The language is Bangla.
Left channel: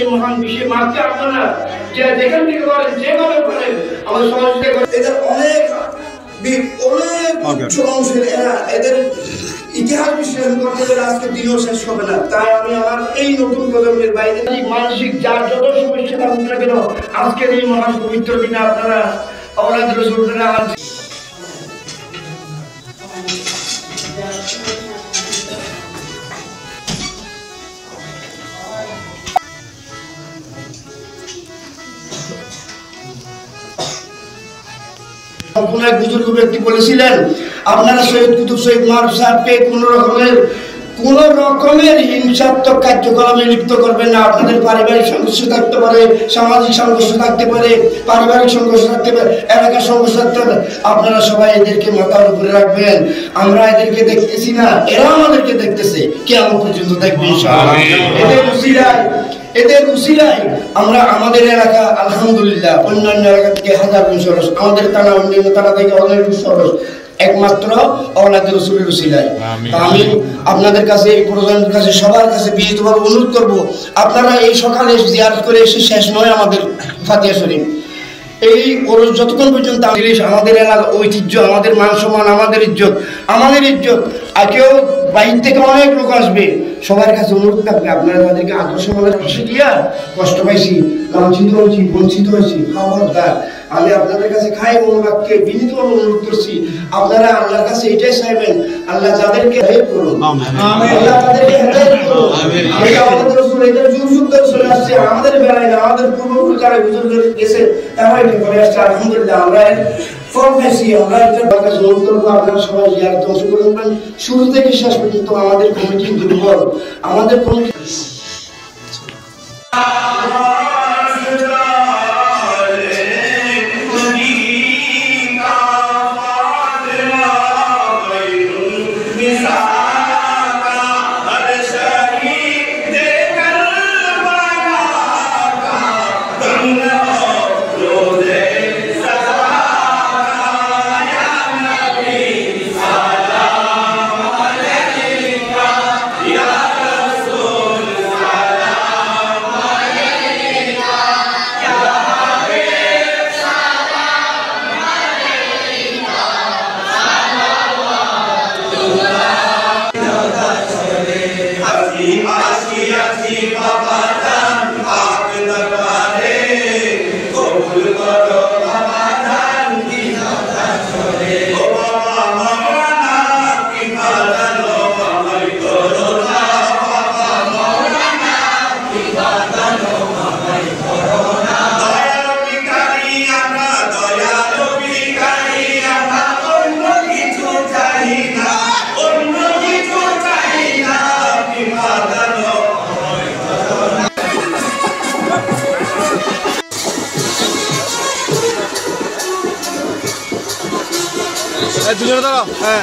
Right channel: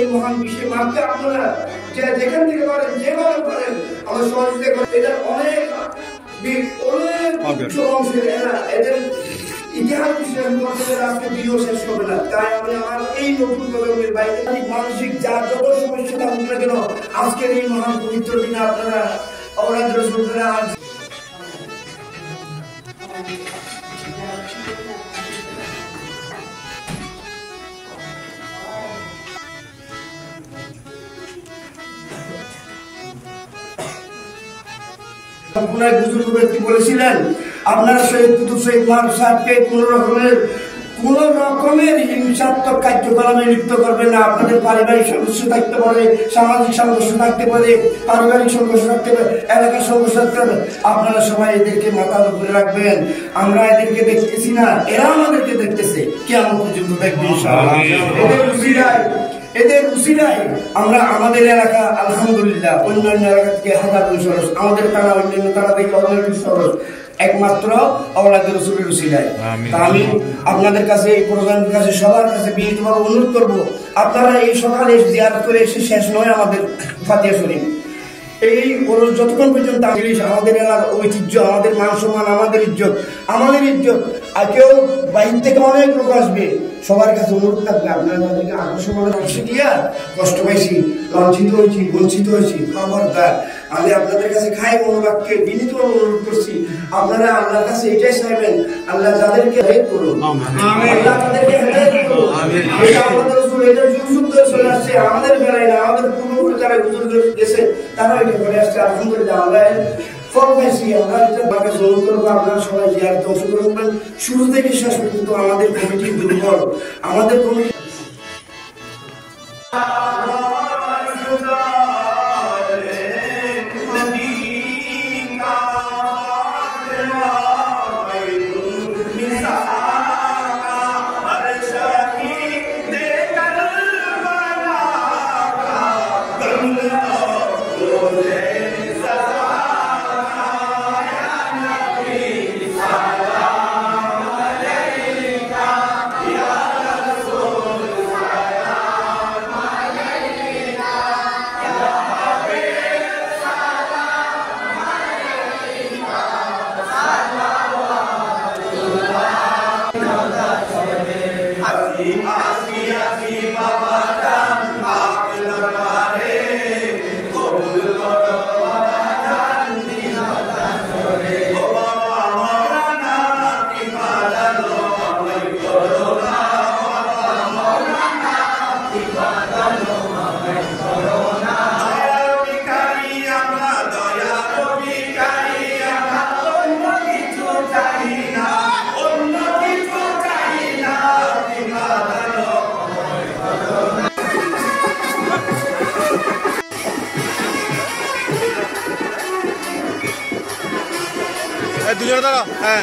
এই মহান বিশ্বে মারতে আপনারা যে যেখান থেকে করেন যেভাবে করেন আমার সমাজে এদের অনেক উচ্চ অংশের এদের ইতিহাস বিশ্লেষণ করতে গেলে আজকে দিনও শেষ হবে না। তাই আমি আমার এই নতুন প্রজন্মের বাইরে মানসিক যার যত সমস্যা থাকুক না কেন আজকের এই মহান পবিত্র দিনে আপনারা অবলাদ রসুল কোন এক বুজুর্গ ব্যক্তি বলেছিলেন আপনারা শহীদ কুতুব শহীদ মারুফ সাহেবকে কোন রকমের হিংসাত্মক কার্যক্রমে লিপ্ত করবেন না। আপনাদের পারিবারিক সংঘর্ষ থাকতে পারে, সামাজিক সংঘর্ষ থাকতে পারে, পারিবারিক সংঘর্ষ থাকতে পারে, এলাকার সংঘর্ষ থাকতে পারে, আপনারা সবাই এদেরকে মাথার উপরে রাখবেন। আমরা এদেরকে দেখতেছি না, এরা আমাদেরকে দেখতেছে, কিয়ামত পর্যন্ত দেখবেন ইনশাআল্লাহ। এদের উসিলায় আমরা আমাদের এলাকা আলহামদুলিল্লাহ অন্যান্য এলাকা থেকে হাজার গুণ সহজ, আমাদের থানা অন্যান্য থানা থেকে অনেক সহজ, একমাত্র আওলাদে রাসূলের উসিলায়। আমি আপনাদের কাছে এই প্রজন্মের কাছে সবার কাছে বিনীতভাবে অনুরোধ করব, আপনারা এই সকালে জিয়ারত করে এসে শেষ নয় আমাদের ফাতিহা শরীফ এই যতক্ষণ পর্যন্ত আমাদের এলাকা ঐতিহ্য, আমাদের মান সম্মান, আমাদের ইজ্জত আর কেউ বাইরে থেকে অনেক লোক আসবে, সবার কাছে অনুরোধ থাকবে আপনারা তাদেরকে আকর্ষণের অংশ দিয়া কষ্ট পাইছি, লাঞ্ছিত হয়েছি, বঞ্চিত হয়েছি, খবরদার আমি আপনাদের কাছে খাই মনোবাক্যে বিনীতভাবে অনুরোধ করছি, আপনারা আল্লাহর কাছে এটাই চাইবেন আল্লাহ যাদেরকে হেল্প করুন, আল্লাহ তাদেরকে হেল্প করুন। আমাদের রাসূল এটা যুগ যুগ ধরে চলে আসছে, আমাদের বেলায় না, আমাদের পূর্বপুরুষ যারা বুজুর্গ গেছে তারা এটা করে আসছে। আলহামদুলিল্লাহ আমরা ফল পেয়েছি, আমরা একটা বাগান জোর করবো। আপনারা সবাই জিয়ারতে অংশগ্রহণ করবেন। শুরু থেকে শেষ পর্যন্ত আমাদের কমিটি দুর্বল, আমাদের কমিটি দুজনে দাঁড়াও। হ্যাঁ।